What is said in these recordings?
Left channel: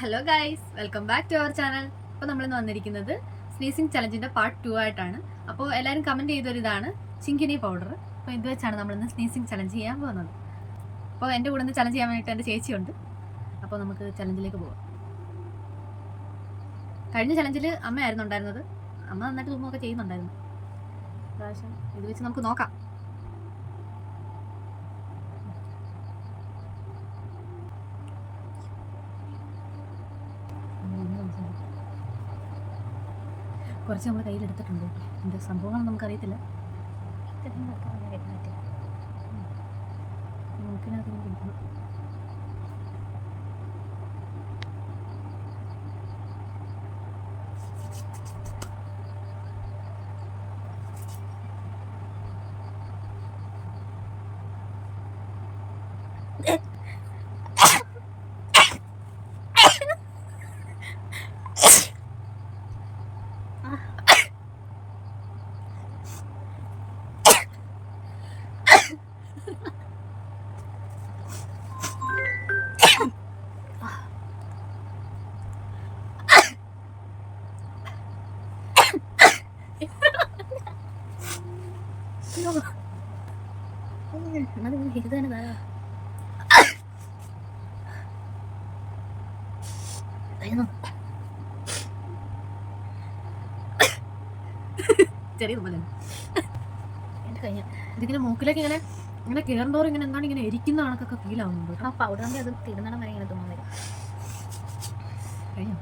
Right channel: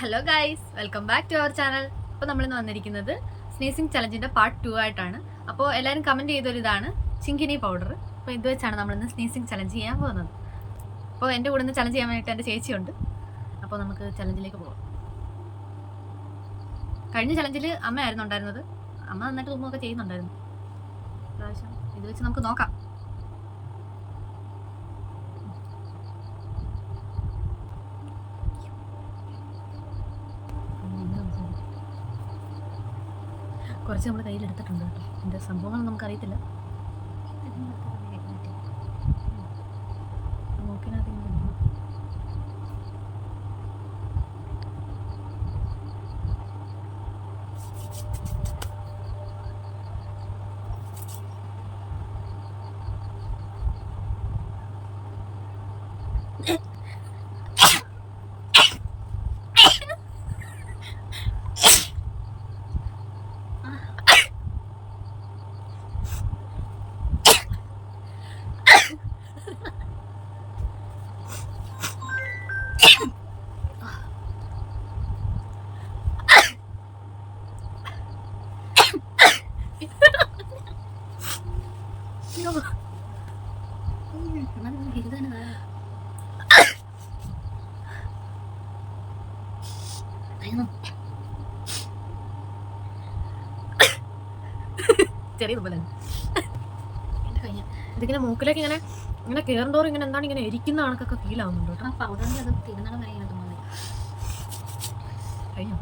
Hello guys, welcome back to our channel. അപ്പോൾ നമ്മളിന്ന് വന്നിരിക്കുന്നത് സ്നീസിങ് ചലഞ്ചിൻ്റെ പാർട്ട് 2 ആയിട്ടാണ്. അപ്പോൾ എല്ലാവരും കമൻറ്റ് ചെയ്തൊരിതാണ് ചിങ്കിനി പൗഡർ. അപ്പോൾ ഇത് വെച്ചാണ് നമ്മളിന്ന് സ്നീസിങ് ചലഞ്ച് ചെയ്യാൻ പോകുന്നത്. അപ്പോൾ എൻ്റെ കൂടെ നിന്ന് ചലഞ്ച് ചെയ്യാൻ വേണ്ടിയിട്ട് എൻ്റെ ചേച്ചിയുണ്ട്. അപ്പോൾ നമുക്ക് ചലഞ്ചിലേക്ക് പോകാം. കഴിഞ്ഞ ചലഞ്ചിൽ അമ്മയായിരുന്നു ഉണ്ടായിരുന്നത്. അമ്മ നന്നായിട്ട് തുമ്പൊക്കെ ചെയ്യുന്നുണ്ടായിരുന്നു. പ്രാവശ്യം ഇത് വെച്ച് നമുക്ക് നോക്കാം. കുറച്ച് നമ്മൾ കയ്യിലെടുത്തിട്ടുണ്ട് കേട്ടോ. എൻ്റെ സംഭവങ്ങളൊന്നും നമുക്കറിയത്തില്ല. മൂക്കിനകത്തേക്ക് പിടിക്കണം. ചെറിയ തുമ്പലാണ് എൻ്റെ കയ്യിൽ. ഇതിങ്ങനെ മൂക്കിലേക്ക് ഇങ്ങനെ ഇങ്ങനെ കയറുന്നോറും ഇങ്ങനെ എന്താണ് ഇങ്ങനെ എരിക്കുന്ന കണക്കൊക്കെ ഫീൽ ആവുന്നുണ്ട് കേട്ടോ. ആ പൗഡറിൻ്റെ അത് തിരുന്നണം വരെ ഇങ്ങനെ തുമ്മാൻ വരും. കഴിഞ്ഞോ?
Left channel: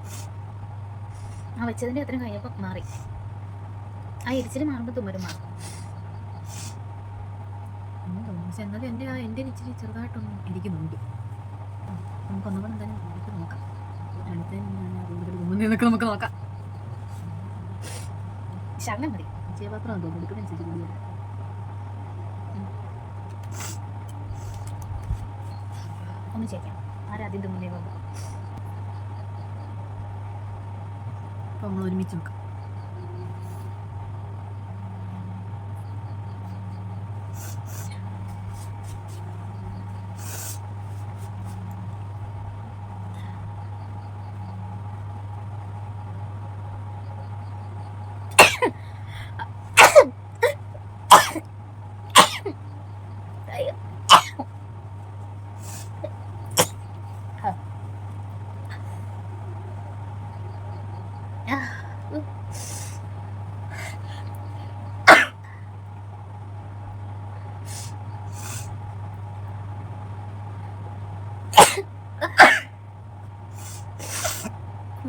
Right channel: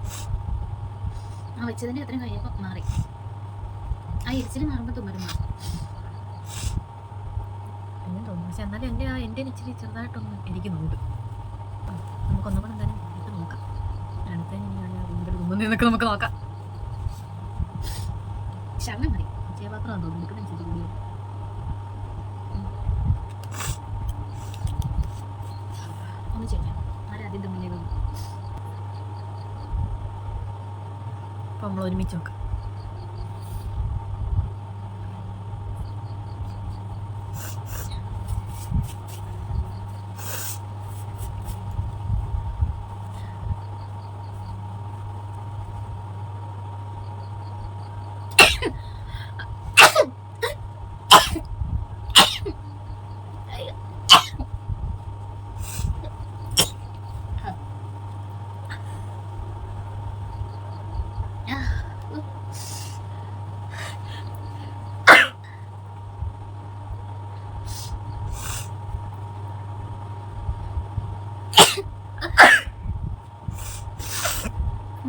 ആ വെച്ചതിൻ്റെ അത്രയും കഴിഞ്ഞപ്പോൾ മാറി. ആ ഇരിച്ചിൽ മാറുമ്പോൾ തുമ്മലും മാറും. അങ്ങനെ തോന്നുന്നു. പക്ഷെ എന്നാലും എൻ്റെ ഇച്ചിരി ചെറുതായിട്ടൊന്ന് ഇരിക്കുന്നുണ്ട്. നമുക്കൊന്നുകൂടെ എന്തായാലും ഇട്ട് നോക്കാം. അടുത്ത കൂടുതൽ തുമ്മുന്നതൊക്കെ നമുക്ക് നോക്കാം. ശകലം മതി. ചേപാത്രം തോന്നുന്നു എടുക്കുന്നതനുസരിച്ച് കൂടിയത്. ഒന്ന് ചെയ്യാം. ആരാദ്യം തുമ്മുന്നേ നോക്കാം. അപ്പോൾ നമ്മൾ ഒരുമിച്ച് നോക്കാം.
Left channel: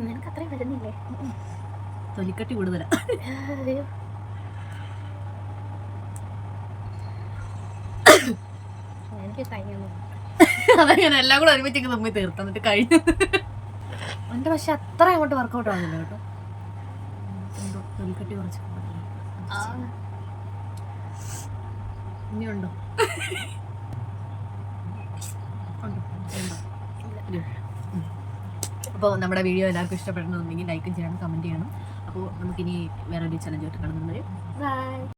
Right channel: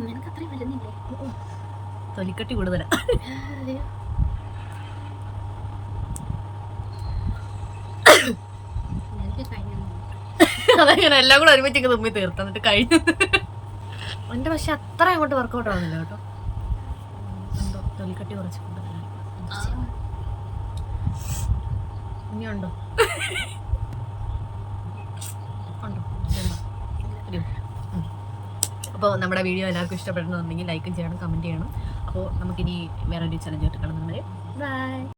നിനക്ക് അത്രയും വരുന്നില്ലേ? തൊലിക്കട്ടി കൂടുതലാ. എനിക്ക് കഴിഞ്ഞു. അതങ്ങനെ എല്ലാം കൂടെ ഒരുമിച്ചൊക്കെ തുമ്മി തീർത്ത് എന്നിട്ട് കഴിഞ്ഞു. എൻ്റെ പക്ഷെ അത്ര അങ്ങോട്ട് വർക്കൗട്ട് ആവുന്നില്ല കേട്ടോ. എന്തോ തൊലിക്കട്ടി കുറച്ച് കൂടുതലാണ്. ഇനിയുണ്ടോ? ഉണ്ടോ? അപ്പോൾ നമ്മുടെ വീഡിയോ എല്ലാവർക്കും ഇഷ്ടപ്പെടണമെന്നുണ്ടെങ്കിൽ ലൈക്കും ചെയ്യണം, കമൻറ്റ് ചെയ്യണം. അപ്പോൾ നമുക്കിനി വേറൊരു ചലഞ്ച് ആയിട്ട് കാണുന്നത്. ബൈ.